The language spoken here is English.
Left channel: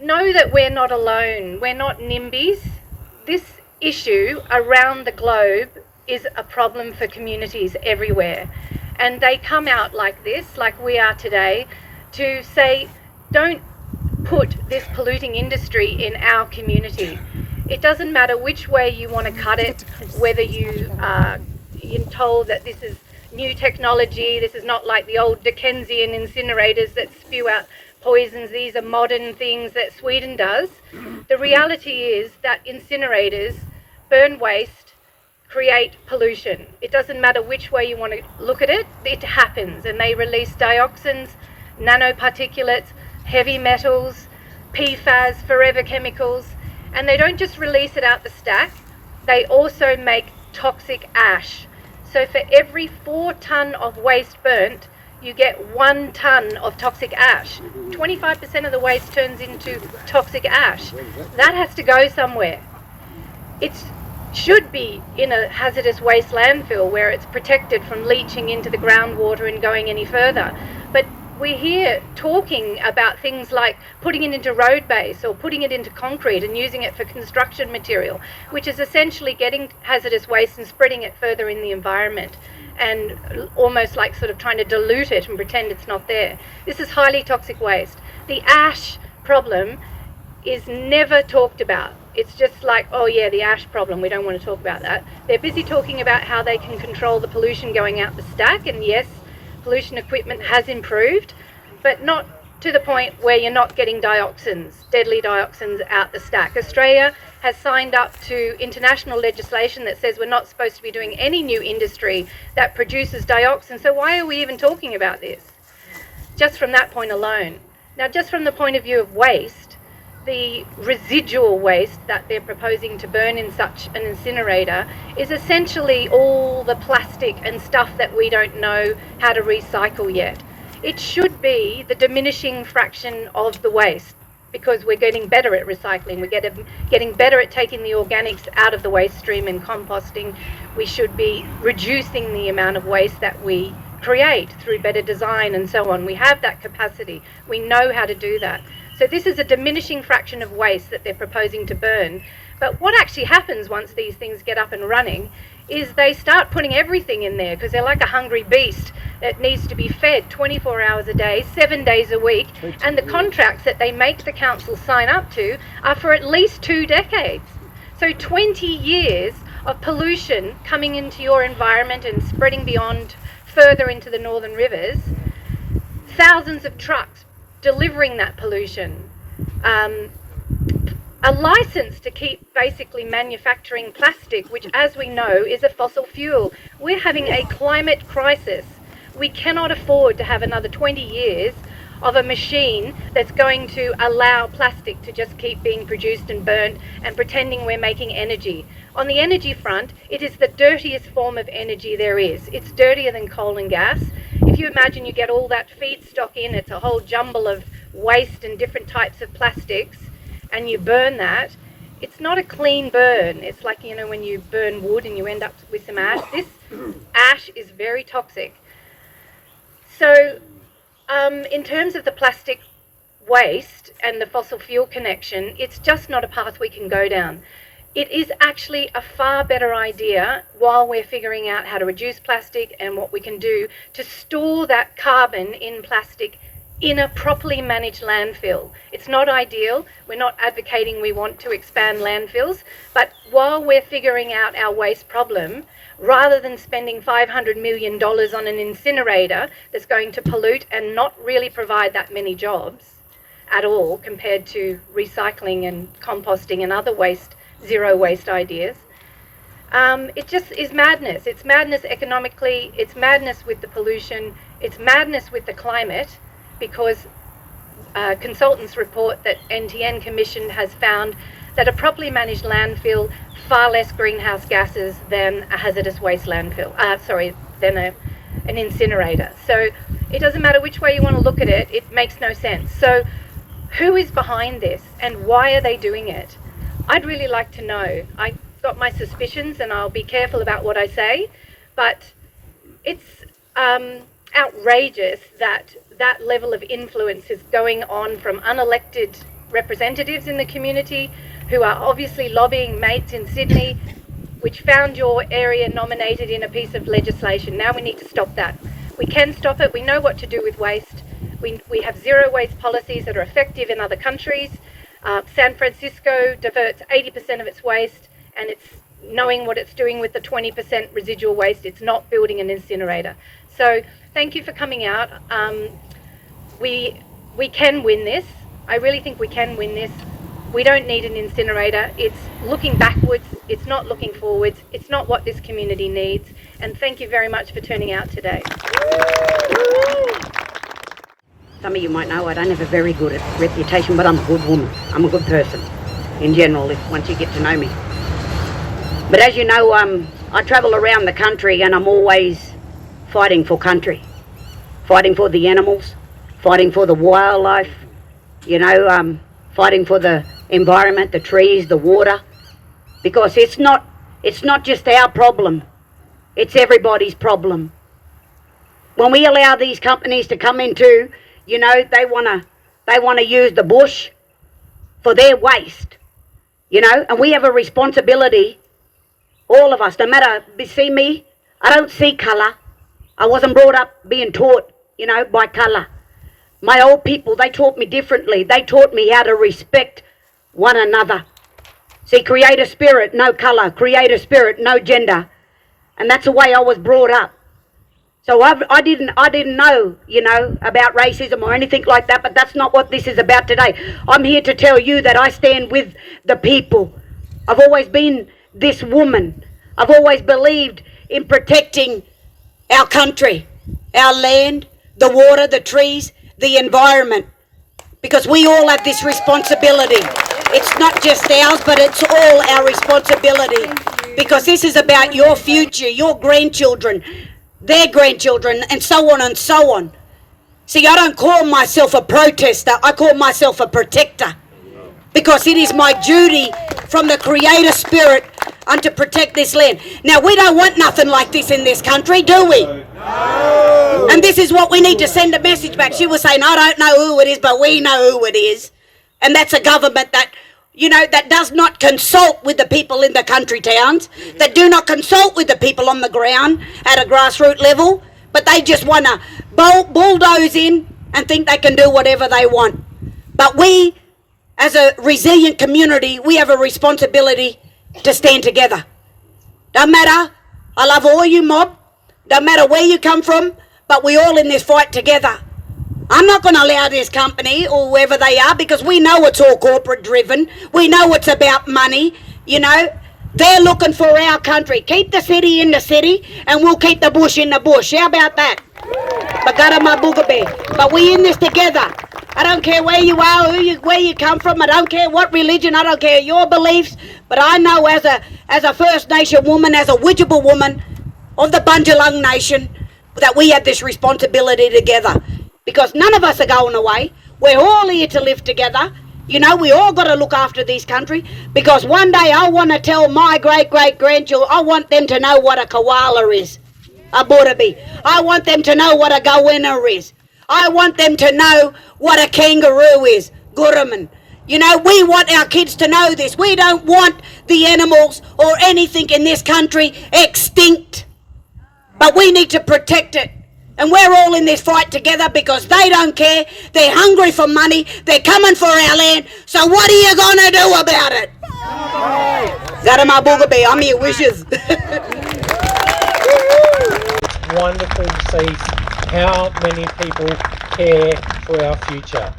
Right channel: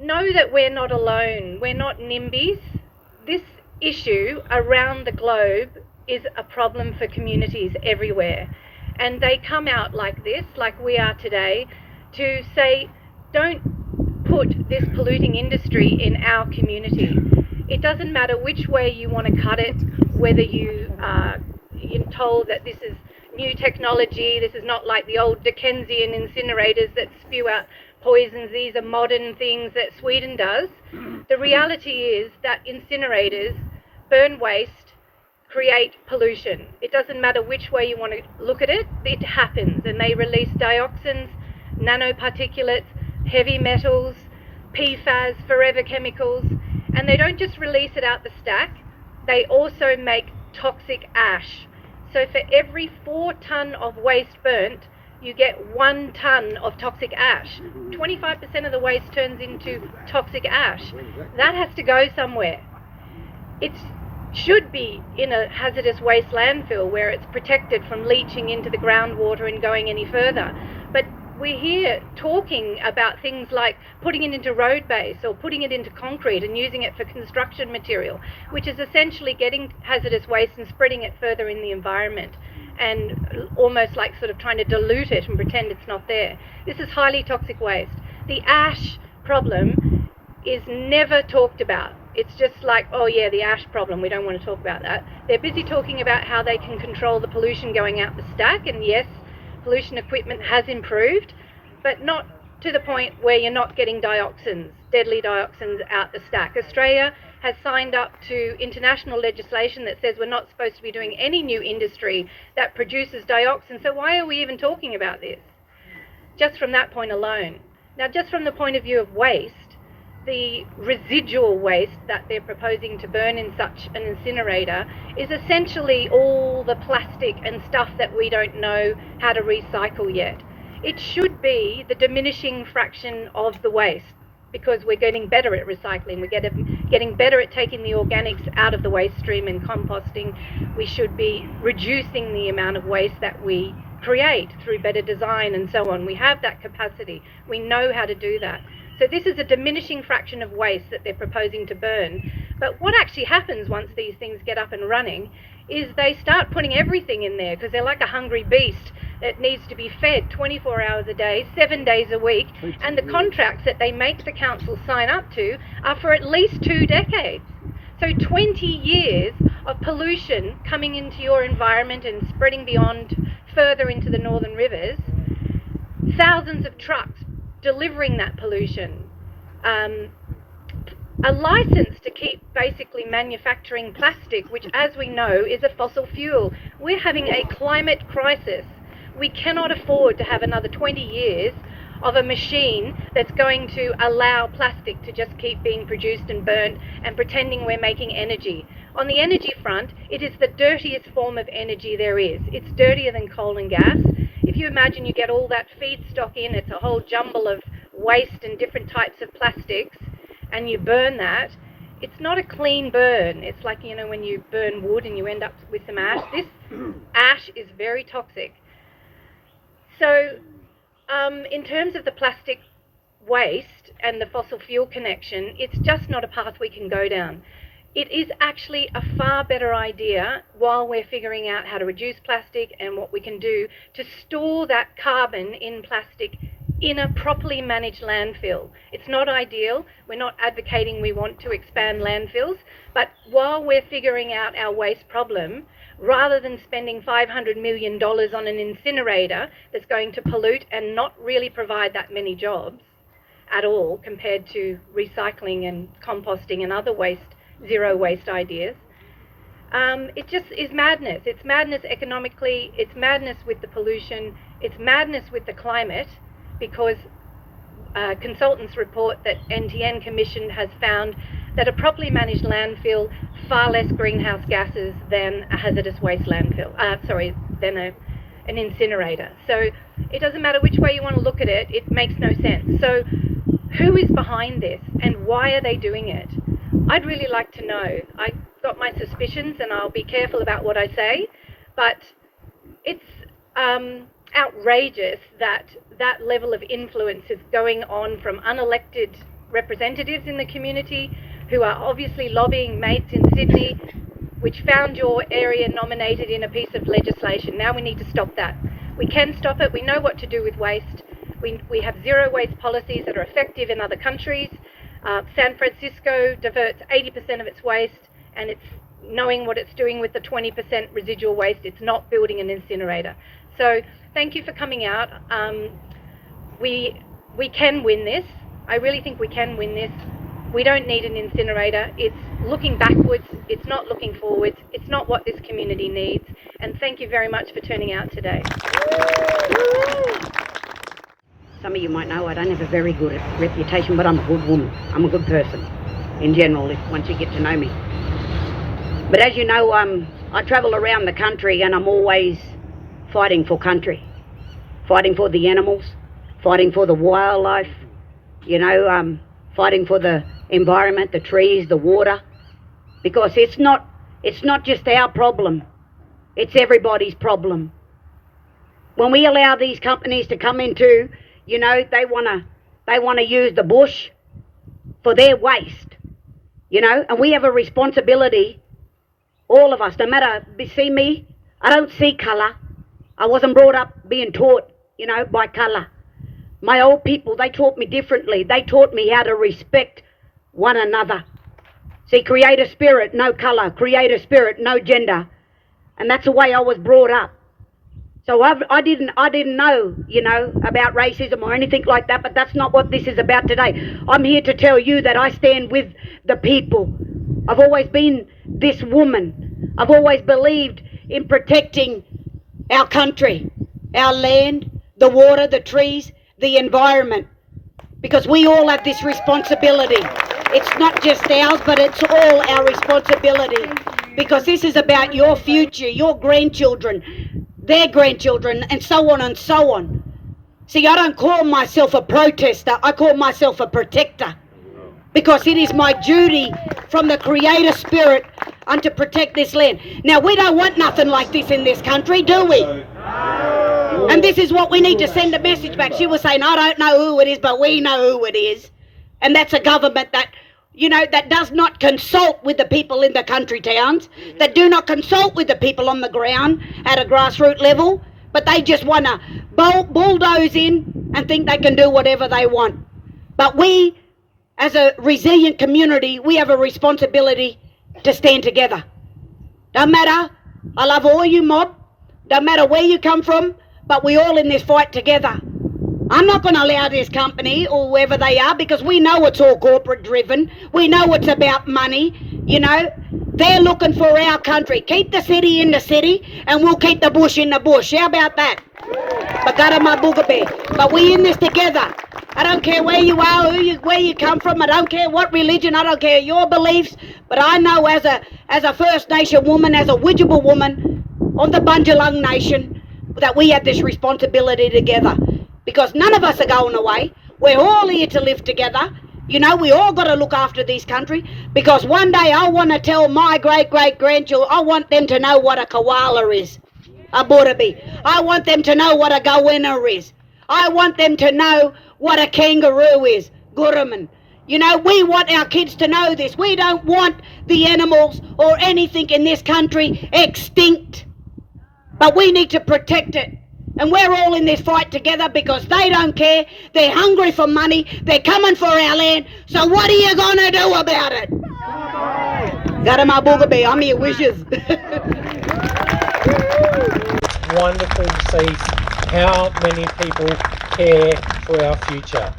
know that we're not alone. We're not NIMBYs. This issue around the globe is a problem for communities everywhere. And they come out like this, like we are today, to say, don't put this polluting industry in our community. It doesn't matter which way you want to cut it, whether you're told that this is new technology, this is not like the old Dickensian incinerators that spew out poisons, these are modern things that Sweden does. The reality is that incinerators burn waste, create pollution. It doesn't matter which way you want to look at it, it happens, and they release dioxins, nanoparticulates, heavy metals, PFAS, forever chemicals, and they don't just release it out the stack, they also make toxic ash. So for every 4 tonne of waste burnt, you get 1 tonne of toxic ash. 25% of the waste turns into toxic ash. That has to go somewhere. It should be in a hazardous waste landfill where it's protected from leaching into the groundwater and going any further. But we're here talking about things like putting it into road base or putting it into concrete and using it for construction material, which is essentially getting hazardous waste and spreading it further in the environment, and almost like sort of trying to dilute it and pretend it's not there. This is highly toxic waste. The ash problem is never talked about. It's just like, oh yeah, the ash problem, we don't want to talk about that. They're busy talking about how they can control the pollution going out the stack, and yes, pollution equipment has improved, but not to the point where you're not getting dioxins, deadly dioxins out the stack. Australia has signed up to international legislation that says we're not supposed to be doing any new industry that produces dioxins, so why are we even talking about this? Just from that point alone. Now, just from the point of view of waste, the residual waste that they're proposing to burn in such an incinerator is essentially all the plastic and stuff that we don't know how to recycle yet. It should be the diminishing fraction of the waste, because we're getting better at recycling, we're getting better at taking the organics out of the waste stream and composting. We should be reducing the amount of waste that we create through better design and so on. We have that capacity, we know how to do that. So this is a diminishing fraction of waste that they're proposing to burn. But what actually happens once these things get up and running is they start putting everything in there, because they're like a hungry beast that needs to be fed 24 hours a day, 7 days a week, and the contracts that they make the council sign up to are for at least 2 decades. So 20 years of pollution coming into your environment and spreading beyond further into the northern rivers, thousands of trucks delivering that pollution, a license to keep basically manufacturing plastic, which, as we know, is a fossil fuel. We're having a climate crisis. We cannot afford to have another 20 years of a machine that's going to allow plastic to just keep being produced and burnt and pretending we're making energy. On the energy front, it is the dirtiest form of energy there is. It's dirtier than coal and gas. If you imagine you get all that feedstock in, it's a whole jumble of waste and different types of plastics, and you burn that, it's not a clean burn. It's like, you know, when you burn wood and you end up with some ash. This ash is very toxic. So in terms of the plastic waste and the fossil fuel connection, it's just not a path we can go down. It is actually a far better idea, while we're figuring out how to reduce plastic and what we can do to store that carbon in plastic in a properly managed landfill. It's not ideal. We're not advocating we want to expand landfills, but while we're figuring out our waste problem, rather than spending $500 million on an incinerator that's going to pollute and not really provide that many jobs at all compared to recycling and composting and other waste, zero waste ideas, it just is madness. It's madness economically, it's madness with the pollution, it's madness with the climate, because consultants report that NTN Commission has found that a properly managed landfill far less greenhouse gases than a hazardous waste landfill, than an incinerator. So it doesn't matter which way you want to look at it, it makes no sense. So who is behind this and why are they doing it? I'd really like to know. I've got my suspicions and I'll be careful about what I say, but it's outrageous that that level of influence is going on from unelected representatives in the community who are obviously lobbying mates in Sydney, which found your area nominated in a piece of legislation. Now we need to stop that. We can stop it. We know what to do with waste. We have zero waste policies that are effective in other countries. San Francisco diverts 80% of its waste, and it's knowing what it's doing with the 20% residual waste. It's not building an incinerator. So thank you for coming out. We can win this. I really think we can win this. We don't need an incinerator. It's looking backwards. It's not looking forwards. It's not what this community needs. And thank you very much for turning out today. Some of you might know I don't have a very good reputation, but I'm a good woman. I'm a good person in general, once you get to know me. But as you know, I travel around the country and I'm always fighting for country, fighting for the animals, fighting for the wildlife, fighting for the environment, the trees, the water, because it's not just our problem, it's everybody's problem. When we allow these companies to come into, they want to use the bush for their waste, and we have a responsibility, all of us, no matter, see me, I don't see colour. I wasn't brought up being taught, by colour. My old people, they taught me differently. They taught me how to respect one another. See, creator spirit, no colour. Creator spirit, no gender. And that's the way I was brought up. So I didn't know, about racism or anything like that, but that's not what this is about today. I'm here to tell you that I stand with the people. I've always been this woman. I've always believed in protecting our country, our land, the water, the trees, the environment, because we all have this responsibility. It's not just ours, but it's all our responsibility, because this is about your future, your grandchildren, their grandchildren, and so on and so on. See, I don't call myself a protester, I call myself a protector, because it is my duty from the creator spirit to protect this land. Now, we don't want nothing like this in this country, do we? And this is what we need to send a message back. She was saying, I don't know who it is, but we know who it is. And that's a government that, that does not consult with the people in the country towns, that do not consult with the people on the ground at a grassroots level, but they just want to bulldoze in and think they can do whatever they want. But we, as a resilient community, we have a responsibility to stand together. Don't matter, I love all you mob, don't matter where you come from, but we all in this fight together. I'm not going to allow this company or whoever they are, because we know it's all corporate driven. We know it's about money, They're looking for our country. Keep the city in the city and we'll keep the bush in the bush. How about that? But we in this together. I don't care where you are, where you come from. I don't care what religion. I don't care your beliefs. But I know as a First Nation woman, as a Widjabul woman of the Bundjalung Nation, that we have this responsibility together, because none of us are going away. We're all here to live together. We all got to look after this country, because one day I want to tell my great-great-grandchildren, I want them to know what a koala is, a burabi. I want them to know what a goanna is. I want them to know what a kangaroo is, guraman. We want our kids to know this. We don't want the animals or anything in this country extinct. But we need to protect it. And we're all in this fight together, because they don't care. They're hungry for money. They're coming for our land. So what are you going to do about it? Zarama Boogabe, I'm your wishes. Wonderful to see how many people care for our future.